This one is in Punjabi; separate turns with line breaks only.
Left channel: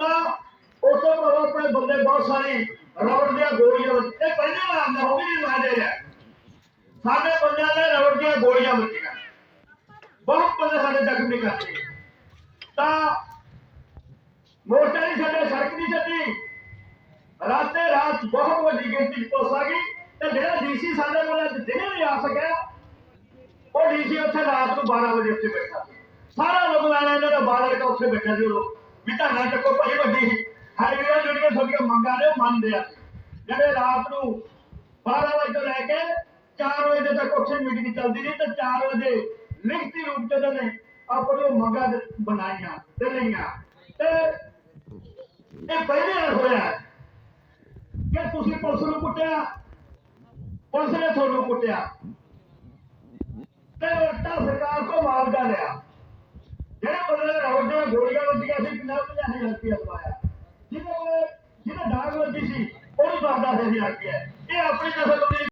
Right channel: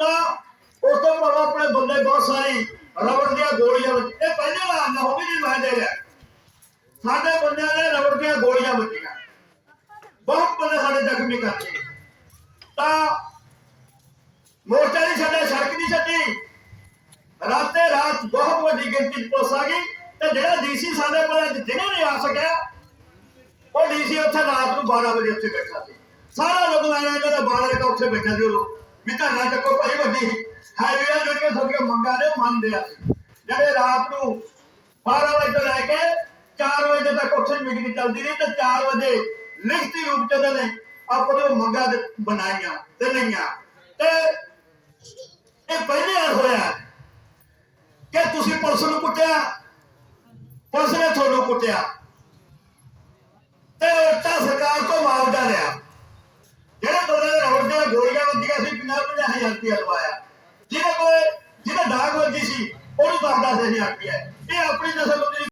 ਉਸ ਤੋਂ ਬਾਅਦ ਆਪਣੇ ਬੰਦੇ ਬਹੁਤ ਸਾਰੇ ਰਬੜ ਦੀਆਂ ਗੋਲੀਆਂ ਇਹ ਪਹਿਲੇ ਵਾਰ ਨਾ ਹੋਵੇ ਨਹੀਂ ਮੈਂ ਦੇ ਰਿਹਾ। ਸਾਡੇ ਬੰਦਿਆਂ ਨੇ ਰਬੜ ਦੀਆਂ ਗੋਲੀਆਂ ਵੱਜੀਆਂ। ਬਹੁਤ ਬੰਦੇ ਸਾਡੇ ਜ਼ਖਮੀ ਕਰਤੇ ਤਾਂ ਮੋਰਚਾ ਨਹੀਂ ਛੱਡਿਆ, ਸੜਕ ਨਹੀਂ ਛੱਡੀ। ਰਾਤੇ ਰਾਤ ਬਹੁਤ ਵੱਡੀ ਗਿਣਤੀ ਚ ਪੁਲਿਸ ਆ ਗਈ। ਤੇ ਜਿਹੜਾ ਡੀਸੀ ਸਾਡੇ ਕੋਲ ਅੱਜ ਦਿਨੇ ਨਹੀਂ ਆ ਸਕਿਆ, ਉਹ ਡੀਸੀ ਉੱਥੇ ਰਾਤ ਨੂੰ 12 ਵਜੇ ਉੱਥੇ ਬੈਠਾ ਸੀ। ਸਾਰਾ ਲੋਕ ਆਇਆ ਇਹਨਾਂ ਦਾ ਉੱਥੇ ਬੈਠਾ ਸੀ ਉਹ ਵੀ ਧਰਨਾ ਚੱਕੋ ਭਾਈ ਵੱਡੀ। ਹਾਈਵੇ ਜਿਹੜੀਆਂ ਤੁਹਾਡੀਆਂ ਮੰਗਾਂ ਨੇ, ਉਹ ਮੰਨਦੇ ਆ। ਜਿਹੜੇ ਰਾਤ ਨੂੰ 12 ਵਜੇ ਤੋਂ ਲੈ ਕੇ 4 ਵਜੇ ਤੱਕ ਉੱਥੇ ਮੀਟਿੰਗ ਚੱਲਦੀ ਰਹੀ ਤੇ 4 ਵਜੇ ਲਿਖਤੀ ਰੂਪ ਚ ਉਹਨਾਂ ਨੇ ਆਪਣੀ ਮੰਗਾਂ ਬਣਾਈਆਂ ਤੇ ਲਈਆਂ। ਤੇ ਇਹ ਪਹਿਲੇ ਹੋਇਆ ਕਿ ਤੁਸੀਂ ਪੁਲਿਸ ਨੂੰ ਕੁੱਟਿਆ, ਪੁਲਿਸ ਨੇ ਤੁਹਾਨੂੰ ਕੁੱਟਿਆ। ਤੇ ਤਾਂ ਸਰਕਾਰ ਤੋਂ ਮੁਆਵਜ਼ਾ ਲਿਆ। 50000 ਰੁਪਏ ਲਵਾਇਆ ਜਿਹਦੇ ਕੋਲ ਜਿਹਦੇ ਦਾਗ ਲੱਗੀ ਸੀ, ਉਹਨੂੰ 10 10000 ਰੁਪਏ ਇਹ ਆਪਣੀ ਨਸਲ ਨੂੰ